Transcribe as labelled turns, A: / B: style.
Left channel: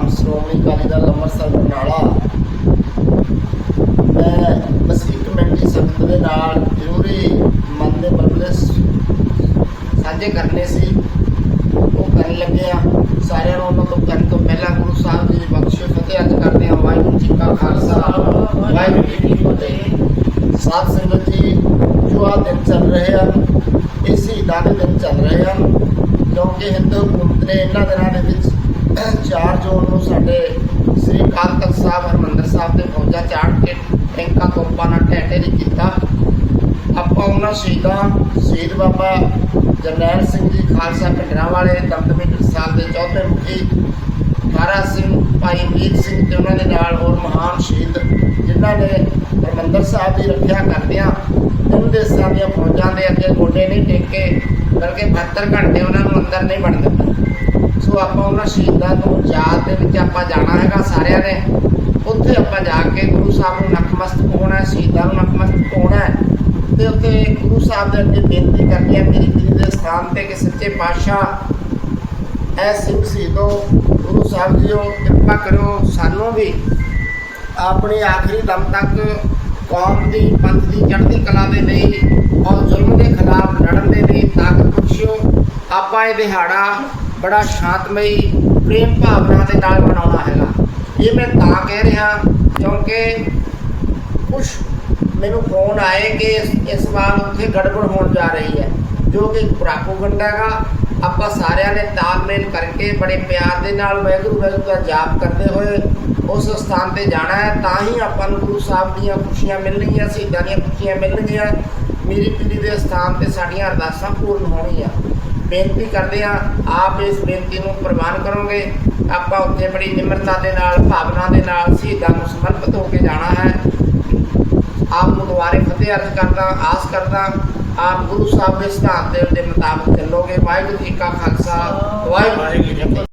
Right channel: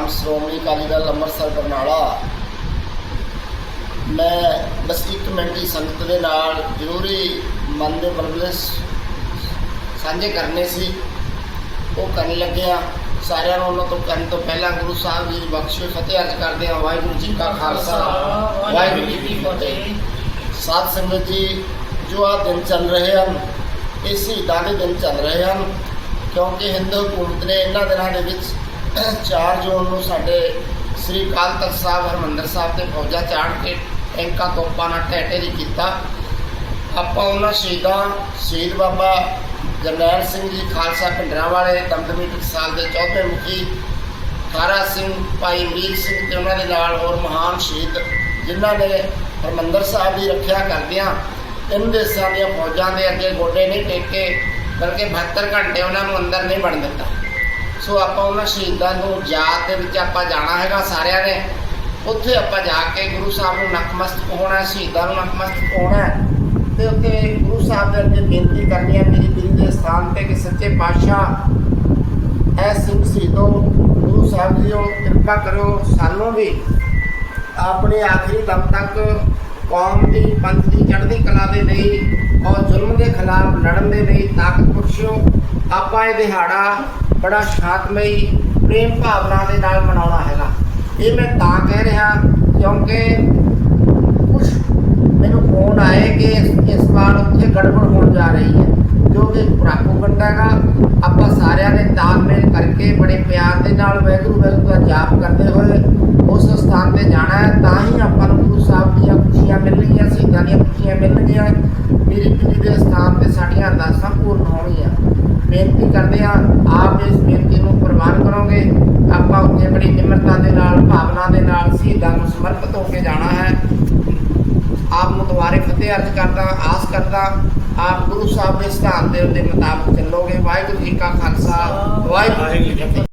A: ਅੰਮ੍ਰਿਤਸਰ ਬਰਨਾਲਾ। ਮੈਂ ਬਸ ਇੱਕ ਸੰਗਤ ਦੇ ਨਾਲ ਜ਼ਰੂਰੀ ਮਨ ਦੇ ਮਰਮਲੇ ਸਾਂਝੇ ਕਰਨੇ ਸੀ। ਉਹ ਕਰਨ ਲੱਗਿਆ। ਸਾਰਿਆਂ ਨੂੰ ਉਹਨਾਂ ਤੋਂ ਕਰਨ ਤੋਂ ਪਹਿਲਾਂ ਗੁਰੂ ਸਾਹਿਬ ਜੀ ਦੀ ਬਖਸ਼ਿਸ਼ ਫਤਿਹ ਅਰਜ਼ ਕਰਦੇ ਹਾਂ। ਵਾਹਿਗੁਰੂ ਜੀ ਕਾ ਖਾਲਸਾ। ਵਾਹਿਗੁਰੂ ਜੀ ਕੀ ਫਤਿਹ। ਸਾਧ ਸੰਗਤ ਜੀ, ਜੋ ਆ ਦਿਨ ਚੱਲ ਰਹੇ ਹਨ, ਇਹ ਸ਼ਹੀਦਾਂ ਦੇ ਦਿਨ ਚੱਲ ਰਹੇ ਹਨ, ਕਿਉਂਕਿ ਹਿੰਦੂ ਹਕੂਮਤ ਨੇ ਇਹਨਾਂ ਦਿਨਾਂ ਦੇ ਵਿੱਚ 4 ਜੂਨ ਨੂੰ ਸਾਡੇ ਸ੍ਰੀ ਅਕਾਲ ਤਖਤ ਸਾਹਿਬ, ਹਰਮੰਦਰ ਸਾਹਿਬ ਦੇ ਫੌਜਾਂ ਚਾੜ ਕੇ ਟੈਂਕਾਂ ਤੋਪਾਂ ਨਾਲ ਟੈਟੇ ਦੀ ਕੀਤਾ। ਆਪਾਂ ਉਹਨਾਂ ਸ਼ਹੀਦਾਂ, ਸ਼ਹੀਦ ਬਾਬਾ ਜਰਨੈਲ ਸਿੰਘ ਜੀ, ਖਾਲਸਾ ਪਿੰਡਰਾਂ ਵਾਲੇ, ਦਮਦਮੀ ਟਕਸਾਲ ਦੇ ਚੌਥੇ ਮੁਖੀ, ਤਾਰਾ ਸਿੰਘ, ਭਾਈ ਮੀਰ ਸਿੰਘ ਤੇ ਉਹਨਾਂ ਦੇ ਨਾਲ ਹੋਰ ਮਹਾਨ ਸ਼ਹੀਦ ਜਿਨ੍ਹਾਂ ਨੇ ਹਰਮੰਦਰ ਸਾਹਿਬ ਦੀ ਰੱਖਿਆ ਕਰਦਿਆਂ ਤਿੰਨ ਦੇਸ਼ਾਂ ਦੀਆਂ ਫੌਜਾਂ ਦੇ ਅੱਗੇ ਗੋਡੇ ਨਹੀਂ ਟੇਕੇ, ਬਲਕਿ 72 ਘੰਟੇ ਉਹਨਾਂ ਨੂੰ ਅੰਦਰ ਨਹੀਂ ਵੜਨ ਦਿੱਤਾ। ਸੋ ਆਪਾਂ ਉਹਨਾਂ ਸ਼ਹੀਦਾਂ ਨੂੰ ਯਾਦ ਦੇ ਵਿੱਚ ਆਪਾਂ ਜਾਣਾ ਹੈਗਾ ਸਾਰਿਆਂ ਨੇ। ਉੱਥੇ ਆਪਾਂ ਜਾ ਕੇ ਗੁਰੂ ਸਾਹਿਬ ਨੂੰ ਨਤਮਸਤਕ ਹੋਣਾ ਸ਼ਹੀਦਾਂ ਨੂੰ ਨਤਮਸਤਕ ਹੋਣਾ ਤੇ ਉੱਥੇ ਗੁਰੂ ਸਾਹਿਬ ਦੇ ਅੱਗੇ ਬੇਨਤੀ ਕਰਨੀ ਹੈ ਮੇਰੀ ਦਿਲ ਦੇ ਸਥਾਨ ਤੇ ਕਿ ਸੱਚੇ ਪਾਤਸ਼ਾਹ ਐ ਸਿੰਘ ਸ਼ਹੀਦੋ, ਗੁਰੂ ਸਾਹਿਬ ਜੀਓ, ਕਿਰਪਾ ਕਰੋ ਸਾਨੂੰ ਵੀ ਆਪਣੇ ਆਖਰੀ ਦਮ ਤੱਕ ਕੌਮ ਦੀ, ਪੰਥ ਦੀ, ਚੜ੍ਹਦੀ ਕਲਾ ਦੇ ਲਈ ਔਰ ਜ਼ੁਲਮ ਦੇ ਖਿਲਾਫ ਲੜਨ ਦੇ ਲਈ ਤਾਕਤ ਬਖਸ਼ਿਓ। ਆਪਾਂ ਇਹ ਦਿਹਾੜਾ ਬੜਾ ਸ਼ਾਂਤਮਈ ਪ੍ਰੇਮ ਭਾਵਨਾ ਦੇ ਨਾਲ ਮਨਾਉਣਾ ਹੈਗਾ। ਇਹ ਮੈਂ ਤਾਂ ਕਹਿ ਰਿਹਾ ਕਿਉਂਕਿ ਕੁਝ ਮੈਨੂੰ ਫੋਨ ਆਏ ਕਿ ਇਸ- ਵਾਰ ਉੱਥੇ ਗੜਬੜ ਹੋਣ ਜਾ ਰਹੀ ਹੈ, ਜੋ ਕਿ ਪ੍ਰਾਪੋਗੰਡਾ ਹੈਗਾ। ਆਪਾਂ ਸਾਰਿਆਂ ਨੇ ਤਾਲਮੇਲ ਕਰਕੇ ਬੜੇ ਪਿਆਰ ਦੇ ਨਾਲ ਵਾਹਿਗੁਰੂ ਵਾਹਿਗੁਰੂ ਦਾ ਜਾਪ ਕਰਦੇ ਹੋਏ ਉਸ ਸਥਾਨ ਤੇ ਜਾਣਾ ਹੈ, ਤਾਂ ਹੀ ਆਪਾਂ ਨੂੰ ਗੁਰੂ ਸਾਹਿਬ ਦੀਆਂ ਖੁਸ਼ੀਆਂ ਮਿਲਣਗੀਆਂ ਸ਼ਹੀਦਾਂ ਦੀਆਂ ਖੁਸ਼ੀਆਂ ਮਿਲਣਗੀਆਂ ਮੇਰੀ ਪੀੜੀ ਦੇ ਸਥਾਨ ਤੇ ਸਾਡੀਆਂ ਅਰਦਾਸਾਂ ਪੂਰਨ ਹੋਣਗੀਆਂ। ਬੇਨਤੀ ਕਰਦੇ ਹਾਂ, ਆਪ ਇਸ ਬੇਨਤੀ ਨੂੰ ਪ੍ਰਵਾਨ ਕਰੋਗੇ। ਆਪਾਂ ਉੱਤੇ ਬੜੀ ਨਿਮਰਤਾ ਦੇ ਨਾਲ, ਭਾਵਨਾ ਦੇ ਨਾਲ ਸ਼ਹੀਦਾਂ ਨੂੰ ਸਮਰਪਿਤ ਹੋ ਕੇ ਜਾਣਾ ਹੈ। ਆਪ ਨੂੰ ਦੁਆਰੇ ਫਤਿਹ ਅਰਜ਼ ਕਰਦਾ, ਆਸ ਕਰਦਾ, ਆਪ ਗੁਰੂ ਸਾਹਿਬ ਦੇ ਸਿਧਾਂਤ ਦੇ ਦੇ ਮੁਤਾਬਕ ਚੱਲੋਗੇ। ਵਾਹਿਗੁਰੂ ਜੀ ਕਾ ਖਾਲਸਾ, ਵਾਹਿਗੁਰੂ ਜੀ ਕੀ ਫਤਿਹ।